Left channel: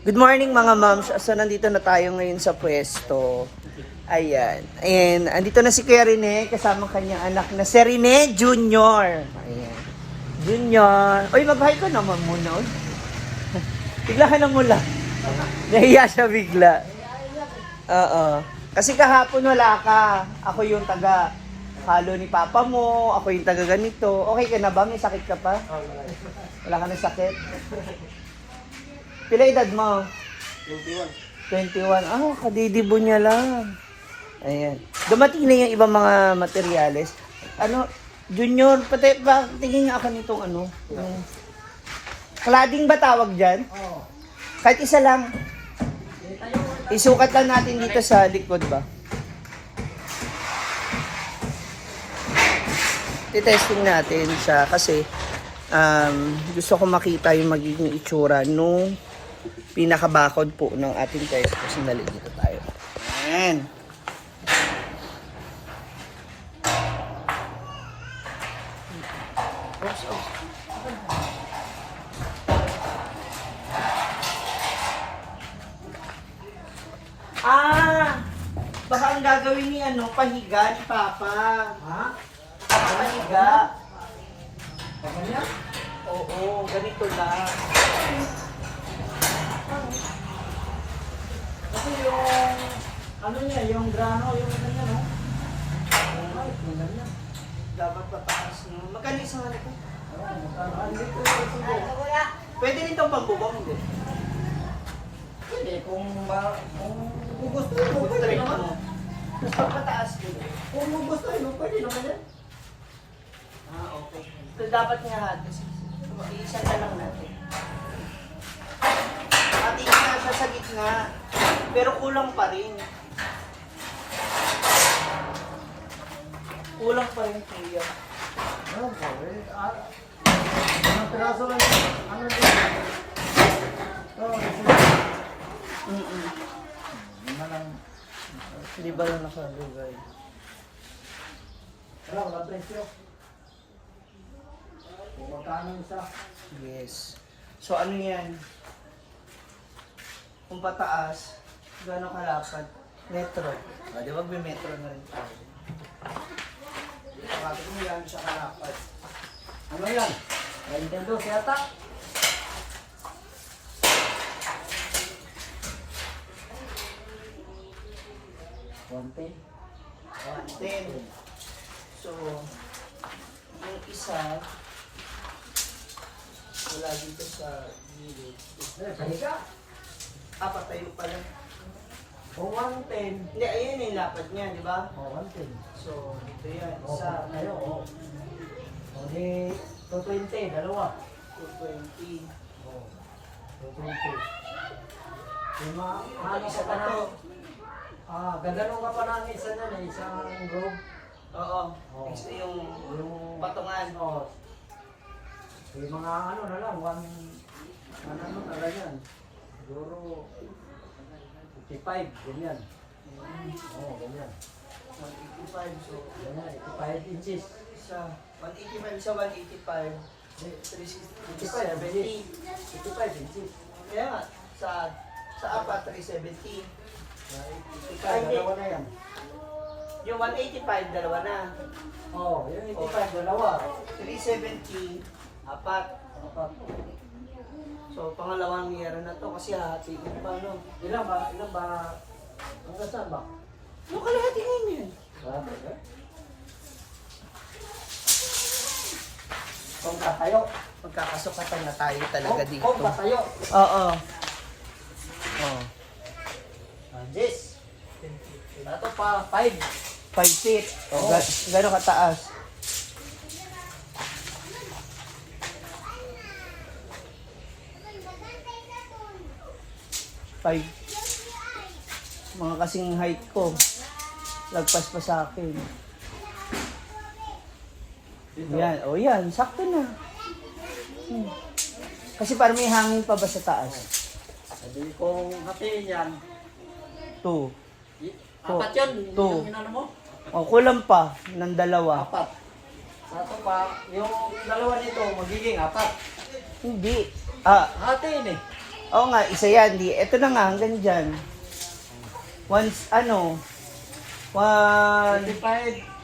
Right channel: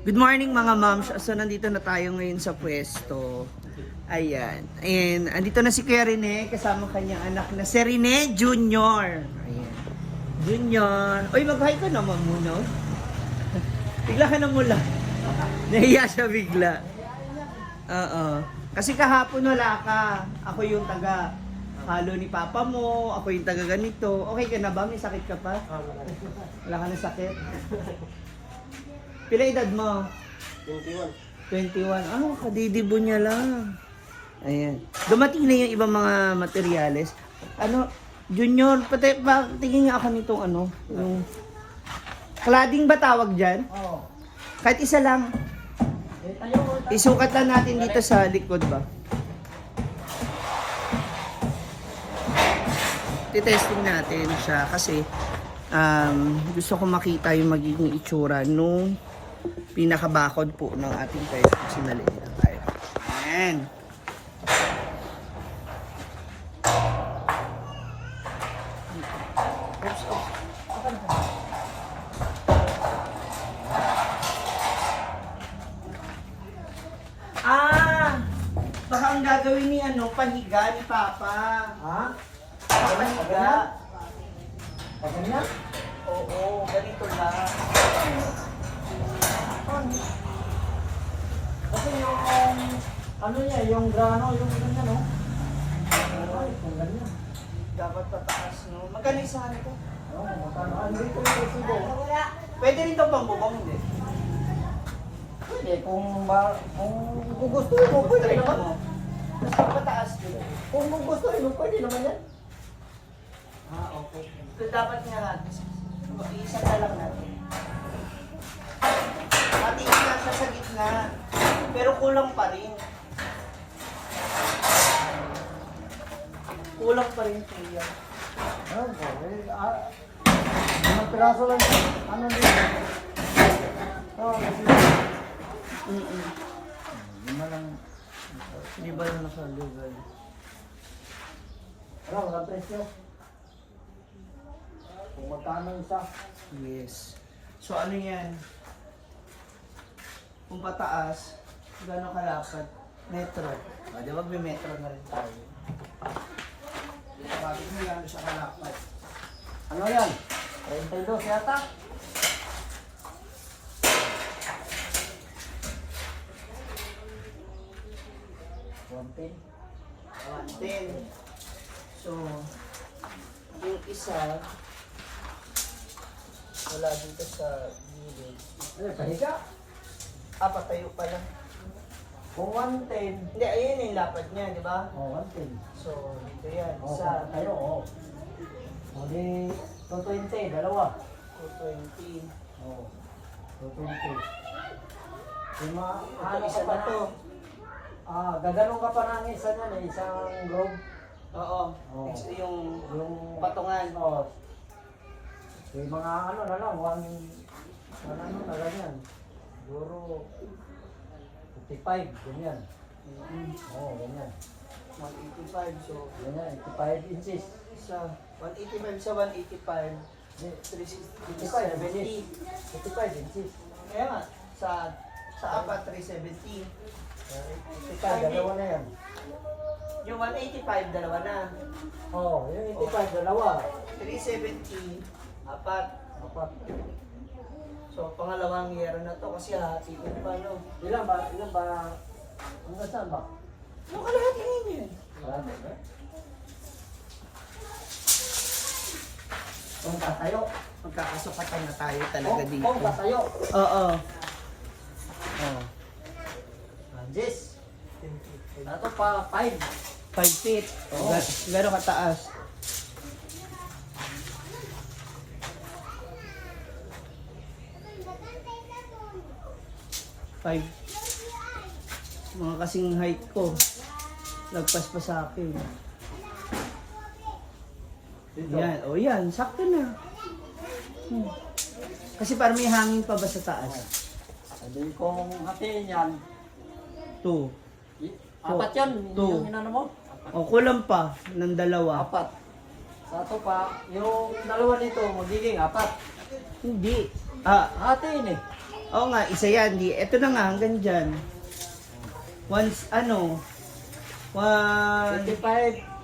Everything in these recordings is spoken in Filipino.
Good morning mga moms. So nandito na tayo ngayon sa pwesto. Ayan. And andito na si Kuya Rene kasama kanyang anak na si Rene Junior. Ayan. Junior. Uy, mag-hi ka naman muna. Uy. Bigla ka na mula. Nahiya siya bigla. Oo. Kasi kahapon wala ka. Ako yung taga halo ni papa mo. Ako yung taga ganito. Okay ka na ba? May sakit ka pa? Wala ka na sakit? Pila edad mo? 21. 21. Ah, kadidibo niya lang. Ayan. Dumating na yung ibang mga materyales. Ano, Junior, pati ba, tingin nga ako nitong ano, yung cladding ba tawag dyan? Oo. Kahit isa lang. Isukat lang natin dito sa likod ba? Titesting natin siya kasi gusto ko makita yung magiging itsura nung pinakabakod po ng ating test. Kasi dito tayo. Ayan. Oops, oops. Ah! Baka ang gagawin ni ano, pahiga ni Papa. Ha? Pahiga. Ganyan? Oo, ganito na. Kasi yung, ano niya, yung grano, yung ano niya, no? Oo, yung ganyan. Dapat pataas, no? Magkano isang ano to? Oo, magkano? Andito yung resibo. Pwede rin itong pambubong, hindi? Hindi, kung gugustuhin mo, Gusto pwede rin naman. mo. Tapos pag pataas yun. Kung gugustuhin mo, pwede naman yan. Ah, okay. So dapat nga halos. Isa na lang natin. Pati nga siya sa gitna. Pero kulang pa rin. Kulang pa rin kuya. Oo, limang piraso lang, ano din. Oo, kasi, lima lang. Hindi ba lang nakaligay? Wala, walang presyo. Kung magkano isa. Yes. So ano yan? Kung pataas, gano'ng kalapad? Metro. O, di ba metro na rin tayo? Sabi ko yan sa kalapad. Ano yan? 32 yata? One 110. So, yung isa, wala dito sa gilid. pahiga. Patayo pa lang. Kung 110. Hindi, ayun yung lapad niya, di ba? Oh, 110. So, dito yan. Oh, Isa, tayo, oh. O di, 220, dalawa. 220. Oh, 220. Yung mga, ano Isa ka pa na to. gaganong ka pa ng isa na, isang group. Oo. Oh. Next yung Yung, patungan. oh, yung mga ano na lang, ano na ganyan. Siguro, 55, ganyan. Oo, ganyan. 185. So, Ganyan, 85 inches. isa, 185 sa 185. Hindi, 370. 55 inches. Kaya nga, sa apat, 370. 55, dalawa na yan. Yung 185, dalawa na. Oo, yung 85, dalawa. 370, apat. Apat. So, pangalawang yero na to kasi hahatiin pa, no? Ilan ba? Hanggang saan ba? Ano kalahati ngayon yan? Marami, eh? Kung tayo, magkakasukatan na tayo talaga dito. Kung kasayo. Oo. Oh. Jess. Dato pa, 5. 5 feet. Oo. Gano'ng kataas? Five. Mga kasing height ko. Lagpas pa sa akin. Dito. Yan. O yan. Sakto na. Kasi parang may hangin pa ba sa taas? Sabi kong hatiin yan. 2. Apat yan. Two. Yung inano mo? O kulang pa ng dalawa. Apat. Sato pa, yung dalawa nito magiging apat. Hindi. Ah, Hatiin eh. Oo nga, isa yan. Ito na nga, hanggang dyan. Once, 85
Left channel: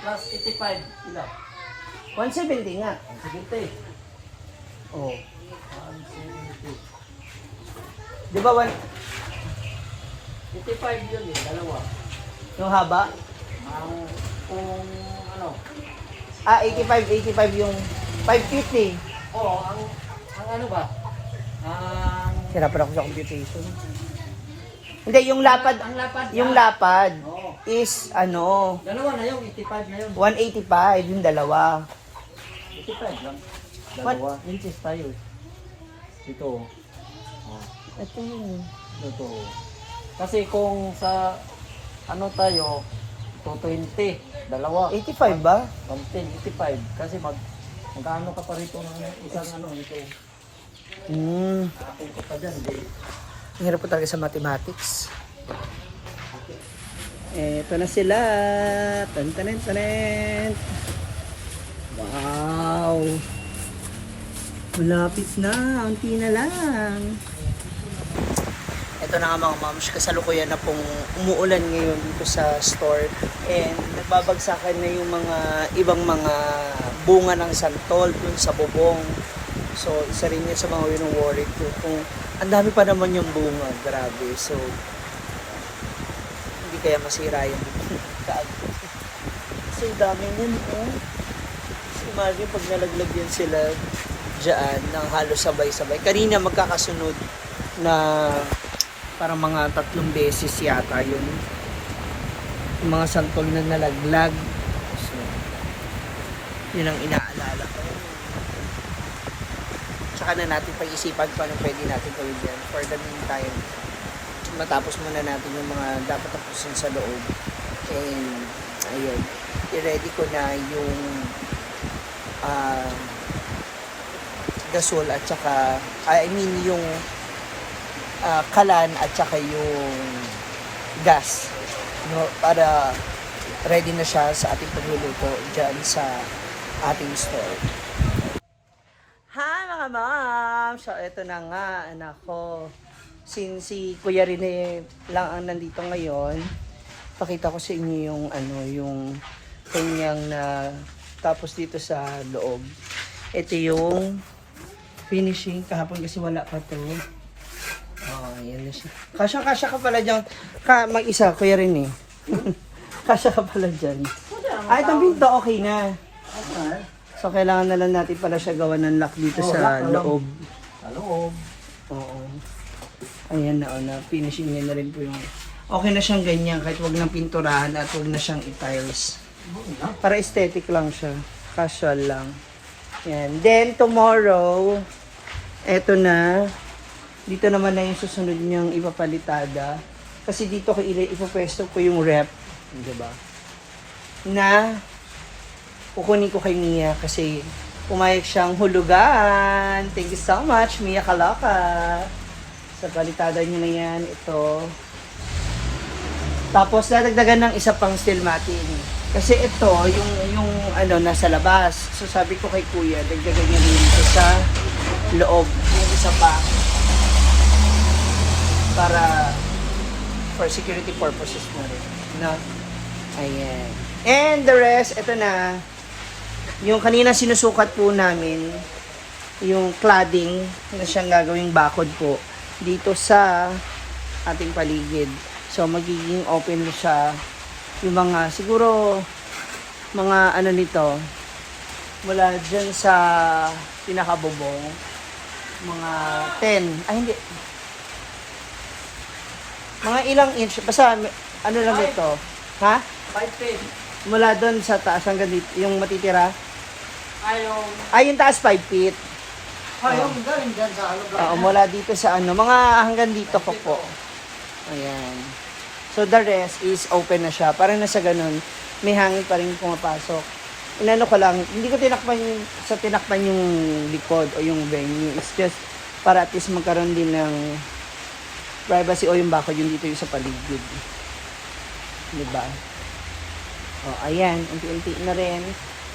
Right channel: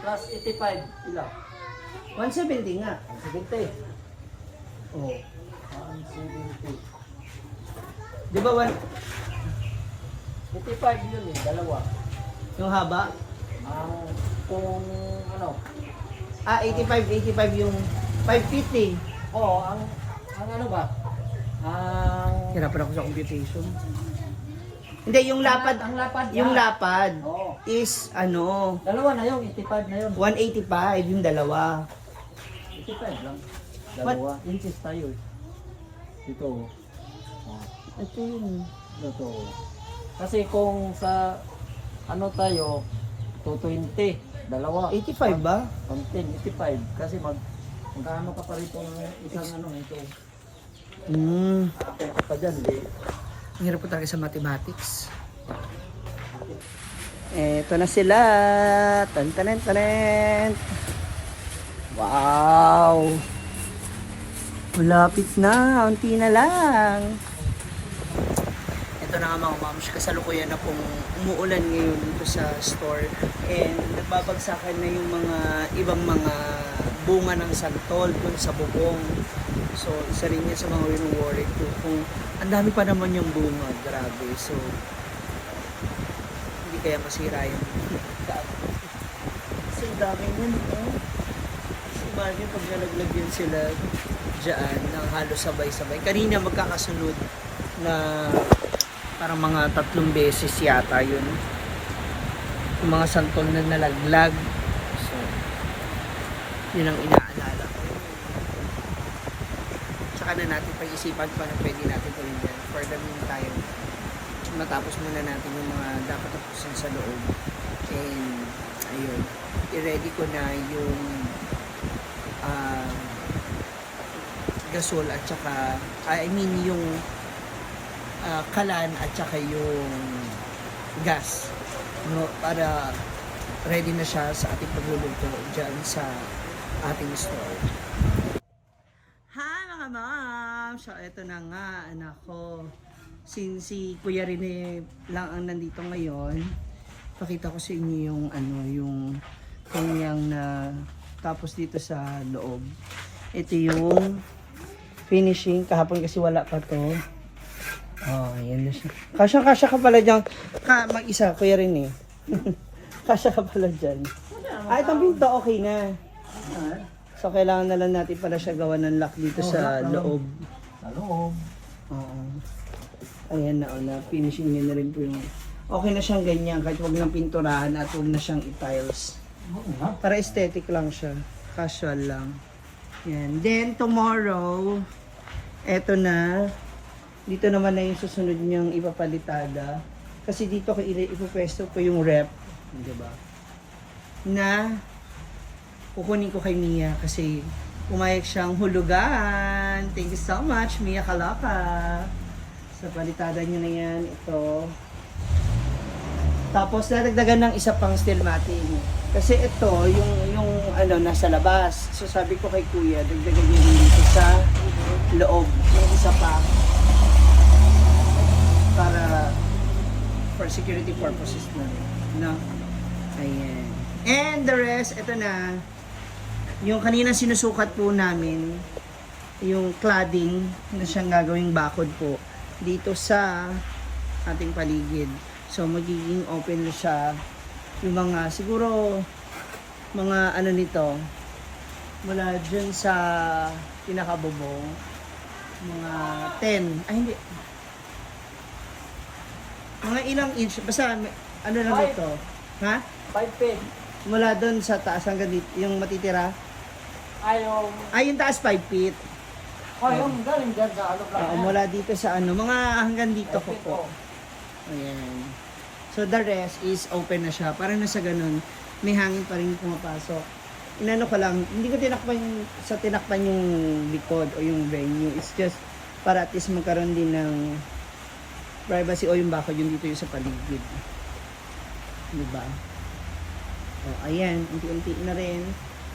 plus 85, ilan? 170 nga. 170. Oh. 170. Di ba 85 yun eh, dalawa. yung haba? Ang kung ano, 85 yung 550. oo, ang ano ba? Ang Hirapan ako sa computation. Hindi, yung lapad, ang lapad. yung lapad Oo. is Dalawa na yun, 85 na yun. 185 yung dalawa. 85 lang. What? Dalawa. Inches tayo. Ito. Oh, Ito yun. ito. Kasi kung sa ano tayo, 220, dalawa. 85 ba? 110, 85. Kasi mag-ano ka pa rito ng isang ano ito. Atin ko pa dyan, di. Ang hirap po talaga sa mathematics. Ito na sila. Tan. Wow! Malapit na. Unti na lang. Ito na nga mga moms, kasalukuyan na pong umuulan ngayon dito sa store. And nagbabagsakan na yung mga ibang mga bunga ng santol dun sa bubong. So, isa rin yan sa mga wino-worry ko. Kung ang dami pa naman yung bunga, grabe. So, hindi kaya masira yung kaagad. So, ang dami nun, eh. So, imagine pag nalaglag yun sila dyan, ng halos sabay-sabay. Kanina magkakasunod na parang mga 3 beses yata yun. Yung mga santol na nalaglag. So, yun ang inaalala ko. Tsaka na natin pag-isipan kung ano pwede natin gawin yan. For the meantime, matapos muna natin yung mga dapat tapusin sa loob. And, ayun, i-ready ko na yung gasol at saka, yung kalan at saka yung gas. No, para ready na siya sa ating pagluluto dyan sa ating store. Hi mga ma'am! So, ito na nga, anak ko. Since si Kuya Rene lang ang nandito ngayon, pakita ko sa inyo yung yung kanyang na tapos dito sa loob. Ito yung finishing. Kahapon kasi wala pa to. Oh, yan na siya. Kasya ka pala dyan. Mag-isa, Kuya Rene. Kasya ka pala dyan. Itong pinto okay na. So, kailangan na lang natin pala siya gawa ng lock dito sa loob. Sa loob. Oo. Ayan na. Finishing niya na rin po yung... Okay na siyang ganyan kahit huwag lang pinturahan at huwag na siyang i-tiles. Para aesthetic lang siya. Casual lang. Yan. Then, tomorrow, eto na. Dito naman na yung susunod niyang ipapalitada. Kasi dito ko ipapwesto ko yung rep. Diba? Na kukunin ko kay Mia kasi pumayag siyang hulugan. Thank you so much, Mia Kalaka. Sa palitada niyo na yan, ito. Tapos, dadagdagan ng isa pang steel matting. Kasi ito, yung nasa labas. So, sabi ko kay Kuya, dagdagan niya rin ito sa loob. Isa pa. Para, for security purposes na rin. No? Ayan. And the rest, ito na. Yung kanina sinusukat po namin, yung cladding na siyang gagawing bakod po dito sa ating paligid. So, magiging open siya yung mga, siguro, mga nito, mula dyan sa pinakabubong, mga 10, hindi, mga ilang inch, basta, lang ito, ha? 5'10". Mula doon sa taas hanggang dito, yung matitira? Ay, yung taas 5 feet. yung galing dyan sa ano ba? Oo, mula dito sa mga hanggang dito ko po. Ayan. So the rest is open na siya. Parang nasa ganun, may hangin pa rin pumapasok. Inano ko lang, hindi ko tinakpan yung likod o yung venue. It's just para at least magkaroon din ng privacy o yung bakod yung dito yung sa paligid. Diba? O, ayan, unti-unti na rin.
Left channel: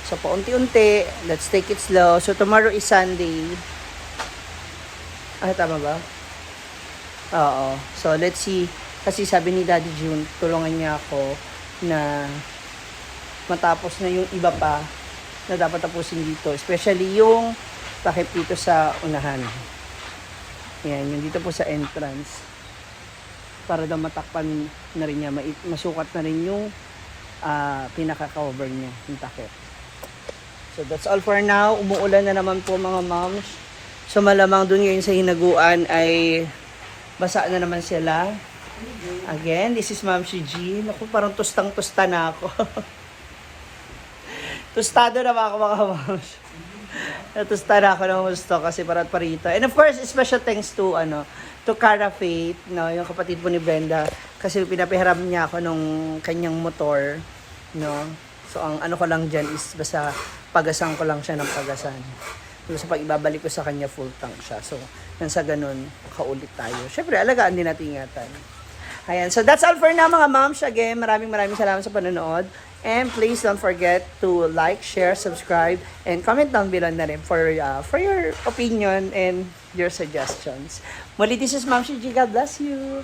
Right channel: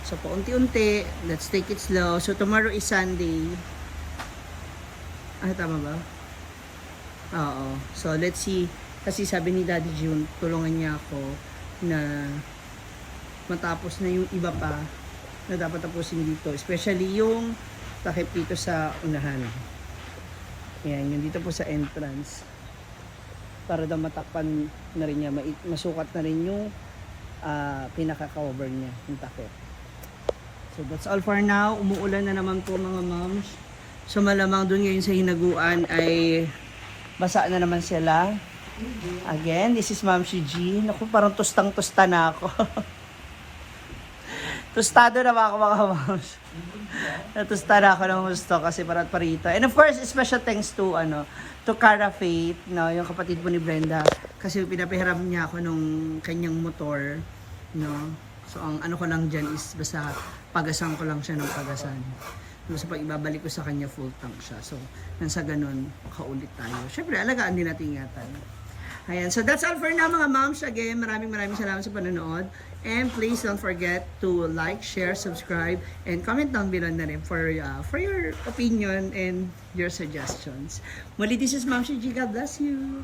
So, paunti-unti, let's take it slow. So, tomorrow is Sunday. Tama ba? Oo. So, let's see. Kasi sabi ni Daddy June, tulungan niya ako na matapos na yung iba pa na dapat tapusin dito. Especially yung takip dito sa unahan. Ayan, yung dito po sa entrance. Para daw matakpan na rin niya, masukat na rin yung pinaka-cover niya, yung takip. So that's all for now. Umuulan na naman po mga moms. So malamang dun ngayon sa hinaguan ay basa na naman sila. Again, this is Ma'am si G. Naku, parang tustang-tusta na ako. Tustado na ba ako mga moms? Natusta na ako ng gusto kasi parat parito. And of course, special thanks to Cara Faith, no, yung kapatid po ni Brenda, kasi pinapahiram niya ako nung kanyang motor, no. So ang ano ko lang diyan is basta pagasan ko lang siya ng pagasan. So sa pag-ibabalik ko sa kanya full tank siya. So nang sa ganun, kaulit tayo. Syempre, alagaan din natin ingatan. Ayan, so that's all for now mga moms. Again, maraming salamat sa panonood. And please don't forget to like, share, subscribe, and comment down below na rin for your opinion and your suggestions. Muli, this is Ma'am Shiji. God bless you.